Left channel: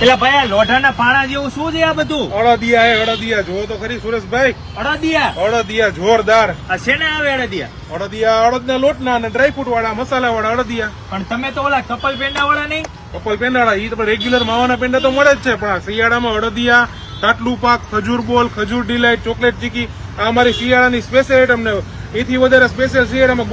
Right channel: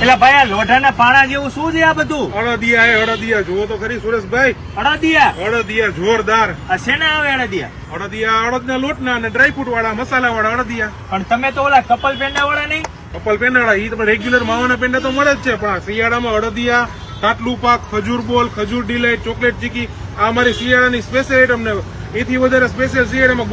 પેલા ભાઈ આ લોઢાના પાણા જેવું શું છે આ બધું? અડદિયા જુઓ તો ખરી સુરેશભાઈ, અડદિયા જોરદાર. આ શેના આવે અડદિયા? અડદિયા અડદના લોટના અને ડ્રાયફ્રૂટ વાળા મસાલા વાળા અડદિયા. પણ તમે તો ઓલા કપલ પેંડા વાળા નહીં? કપલ પેંડાળા ઈ તમે રેગ્યુલર માવાના પેંડા તો મળે જ છે, પણ શિયાળામાં અડદિયા, કાટલું પાક, ખજૂર બોલ, ખજૂર ડિલાઇટ, ચોકલેટ ચીકી આ અમારી શિયાળાની સ્પેશિયલ આઈટમ ને એથી વધારે સ્પેશિયલ શિયાળામાં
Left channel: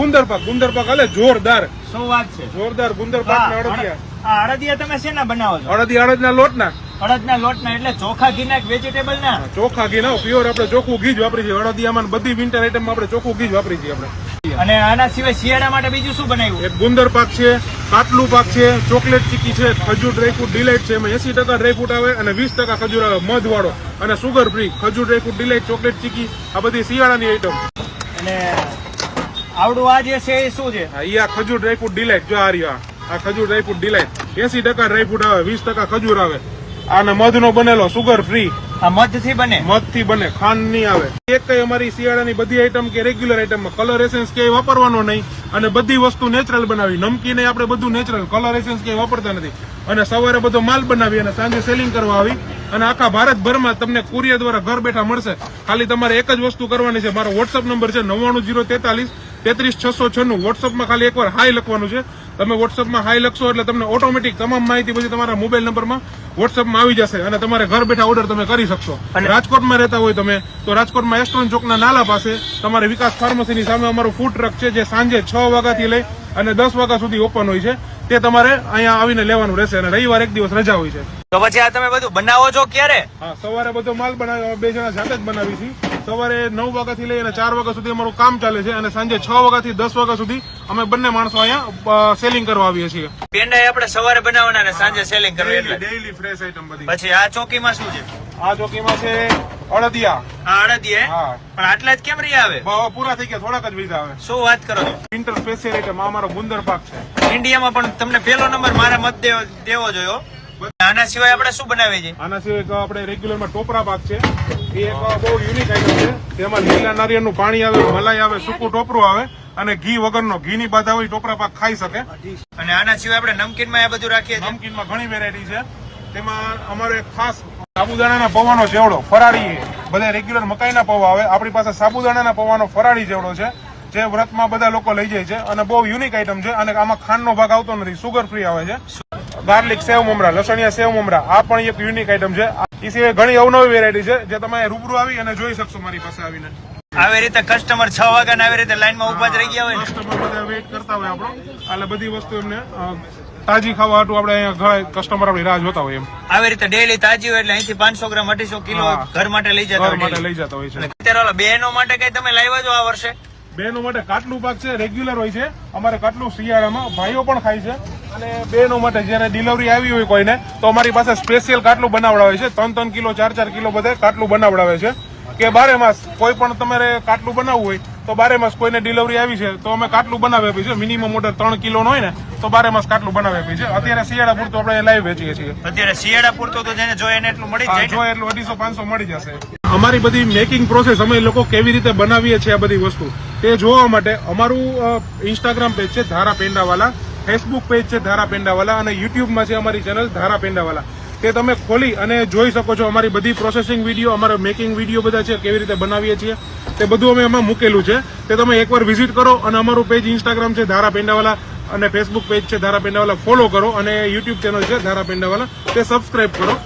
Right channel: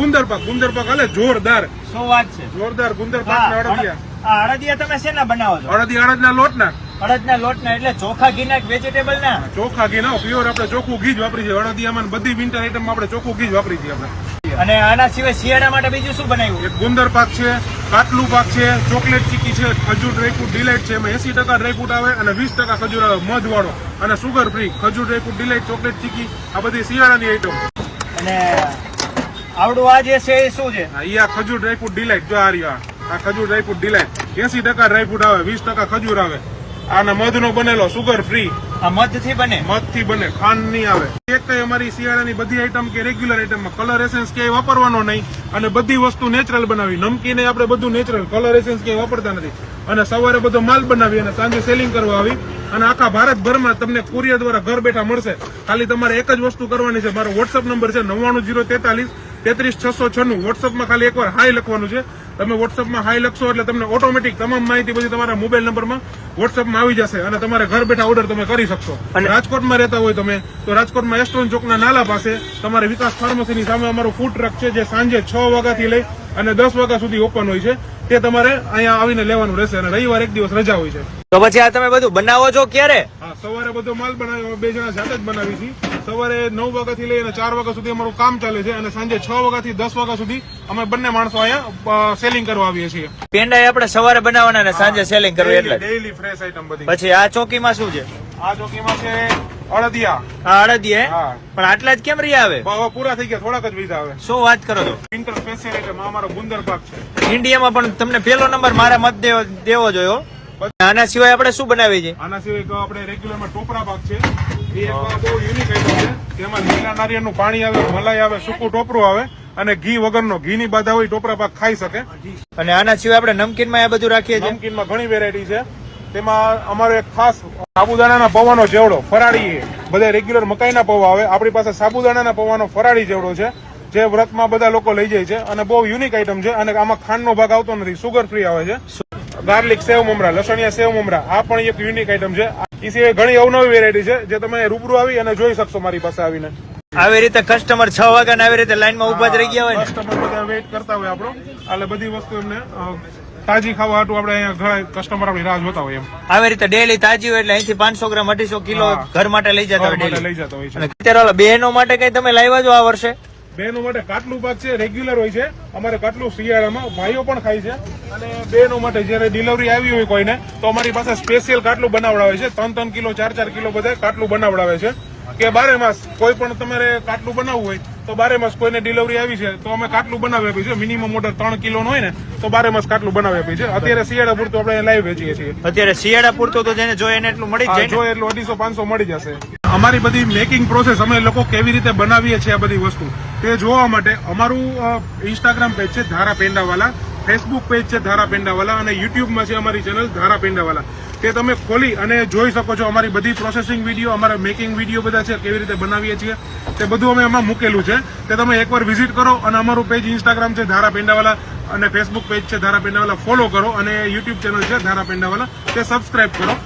ગુંદર પાક હાલે જોરદાર. શું વાત છે? જોરદાર ગુંદર પાક ના અડદિયા. આ અડદિયા તમે શેના બનાવો છો? અડદના લોટના. અડદના લોટના એટલે ચોખા ઘીના વેજીટેબલ ના? ચોખા ઘી ના, પ્યોર આપણે ચોખ્ખું ઘી જ વાપરી છે અડદિયામાં. બધી વિન્ટર આઈટમમાં આપણે ચોખ્ખું ઘી જ વાપરી છે આપણે. અને આના સિવાય શિયાળા માટે બીજું શું બનાવ્યું? એક ગુંદર પાક છે, કાટલું પાક છે, ચોકલેટ ચીકી છે, ખજૂર ડ્રાયફ્રૂટ ડિલાઇટ છે. એમાં 80% ડ્રાયફ્રૂટ આવે અને 20% ખજૂર આવે, મધ વાળો અને સુગર ફ્રી. ખજૂર ડ્રાયફ્રૂટ ડિલાઇટ, ચોકલેટ ચીકી આ બધી શિયાળાની આઈટમ. અને આવડું આ જે છે એ શું છે? આ ખજૂર ડ્રાયફ્રૂટ ડિલાઇટ જો આ રહ્યો, આ ખજૂર ડ્રાયફ્રૂટ ડિલાઇટ 80% ડ્રાયફ્રૂટ આવે, 20% ખજૂર આવે અને મધનો બનેલો, સુગર ફ્રી. આ મધથી બને? મધથી બને, ખાંડ નહીં આવે. એક કઈ અમારી શિયાળાની બધી આઈટમ કે રેગ્યુલર આઈટમમાં કલર એસેન્સ કે વાપરવાનો નહીં અને બધી વસ્તુ નેચરલ બનાવી. નમકીને આપણે બધું નેચરલ, કલર એસેન્સ કે વાપરતા નથી. અને સવારે બધો માલ બનાવી અને સાંજે સેલિંગ કરવા આવી અને આખા ભારતભરમાં તમને કુરિયર દ્વારા ઘર બેઠા મળશે. ખાલી તમારે એક જ વસ્તુ કરવાની છે. મારો વોટ્સઅપ નંબર છે 99043 33696. વોટ્સઅપમાં ખાલી એકવાર હાઈ લખવાનું છે. તમે વોટ્સઅપમાં હાઈ લખશો એટલે તમને ઓટોમેટિક તમામ માહિતી બધી તમારા મોબાઈલ નંબરમાં વોટ્સઅપમાં આવી જશે અને તમારે ઘર બેઠા ઓર્ડર તમે કરી શકશો. રાજકોટમાં રહેતા હોય તમે તો રાજકોટમાં એસ્ટોન ચોકના નાલા પાસે તમારે વિકાસ ફાર્મસીની સામે અમારું ફૂડ ટ્રક છે જે સાંજે 6 વાગ્યાથી લઈ અને 10 વાગ્યા સુધી ઓપન હોય છે. તે તમારે અહીંયા આવીને લેવાનું રહેશે અને રવિવાર એક દિવસ રજા હોય છે. તો પછી આ તમે બધું બનાવો છો ક્યારે? હા, સવારે બધો માલ બનાવી, બે જણા જાતે જ બનાવી છે. સવારે 9 વાગ્યાથી લઈ અને 4 વાગ્યા સુધી અમારું કામ ચાલે છે અને સાંજે 6 વાગ્યાથી 10 વાગ્યા સુધી અમે બંને માણસો અહીંયા સેલિંગ કરવા આવીએ છીએ. પેંડા આપણે સવારે બનાવવાના અને સાંજે સેલિંગ કરવું એટલે ડેઈલી ફ્રેશ આઈટમ બધી. પછી આ ચોકીમાં શું છે? આ ચોકીમાં છે અડદિયા. હા, અડદિયા. હા, પણ આટલા જ કેમ રહ્યા આવે? પૂરા થઈ ગયા, થોડાક જ વીધા આવે. શું વાત કરો છો? વિન્ટર સ્પેશિયલ આઈટમ અમારો ગુંદર પાક છે. ઇન્ડિયામાં પણ તમને પહેલો નંબર મારા મત દેવો જોયો. આના સિવાય આપણે શું બનાવીએ છીએ? આના સિવાય આપણે રેગ્યુલરમાં ટોપરા પાક છે. એ એક બહુ યુનિક આઈટમ છે. તેમાં લીલા નારિયેળનું પાણી આવે, મલાઈ આવે, સૂકું ટોપરું આવે અને ઘી વગરનો, ઘીની બાધા હોય ટોપરા પાક ખાઈ શકે. અને આના સિવાય આપણે નમકીનમાં આ બધું રાખીએ છીએ. નમકીનમાં ઘણી વેરાયટી છે. તેમાં અમારે ખાસ સાબુદાણાના પૌવાનો ચેવડો ફરાળી. બધા રેગ્યુલર મકાઈના પૌવા આવે, આપણી પાસે સાબુદાણાના પૌવાનો ફરાળી ચેવડો છે જે વ્રતમાં બધા લોકો લઈ જાય છે અને બહુ યુનિક આઈટમ છે. અને આમાં ખાંડનો ભાગ આવતો નથી, સુગર ફ્રી આવે છે. ગાર્લિક સેવ મમરા, લસણિયા સેવ મમરા આ પણ એક યુનિક આઈટમ છે. એ સિવાય ઘણી અવનવી વેરાયટી છે જે તમે રૂબરૂ આવી અને જોઈ શકશો મારી પાસે આવીને. આવી રીતે કસ્ટમર 6 વાગ્યા આવી રીતે લાઈનમાં ઉભા જ રહી ગયા હોય ને? કસ્ટમર બધા વેઇટ કરતા હોય આપણો, એટલે બધી વસ્તુ એમને તાજી ખાવા હાટું આપણે અહીંયા ઘણા કસ્ટમર આપણી રાહ જોતા હોય. એમ આવી રીતે ડેલી તાજી હોય એટલે અહીંથી 500 ગ્રામ 250 કિલો ઘર માટે લઈ જતા હોય છે. અત્યારે બહેનો માટે કઈ તમે લાવ્યા છો આ વર્ષે? બહેનો માટે કાટલું પાક છે, રેગ્યુલર હોય છે અમારે કાટલું શિયાળામાં. ભાઈઓ પણ ખાય છે અને બહેનો માટે જયારે ડિલિવરી આવી હોય કોઈને તો અમારી પાસે સ્પેશિયલ કાટલું બનાવડાવે છે. 3-3 કિલો 4-4 કિલો બધે કાટલું બનાવડાવે છે કે 12 માસ કોઈ પણ તમારે કાટલું બનાવવું હોય તો 12 માસ કોઈને ડિલિવરી આવી છે તો અમે કાટલું બનાવી આપ્યું છે. મિનિમમ ઓર્ડર 3 કિલો નો હોય ને તો 12 માસ કાટલું બનાવી આપ્યું છે. અત્યારે શિયાળા પૂરતું આપણે લાઈવ વેચીએ છીએ. અત્યારે શિયાળા પૂરતું તો જેને જોઈએ એને એટલું મળી જાય, જોઈએ એટલું 250-500 મળી જશે. અમારી બધી મેકિંગ પ્રોસેસ અમે લોકો કેવી રીતે બનાવીએ છીએ આ બધી વસ્તુ તે જોવા માટે અમારું ઇન્સ્ટાગ્રામ પેજ છે ધારા પેંડાવાલા, ફેસબુક પેજ છે ધારા પેંડાવાલા અને યુટ્યુબમાં છે અમારી ચેનલ ધારા પેંડાવાલા. તે તમે ખોલી અને જોઈ શકો છો. અમારી બધી પ્રોસેસિંગ વિડીયો, અમારા મેકિંગ વિડીયો બધા છે, કેવી રીતે બનાવીએ છીએ તે બધું અમે એમાં મૂકેલું છે. તે તમે એકવાર વિઝિટ કરો અને અમારું પેજ ઇન્સ્ટાગ્રામ છે ધારા પેંડાવાલા અને ફેસબુક પેજ છે ધારા પેંડાવાલા ફોલો કરો અને યુટ્યુબ ચેનલ છે ધારા પેંડાવાલા તે સબસ્ક્રાઇબ કરો.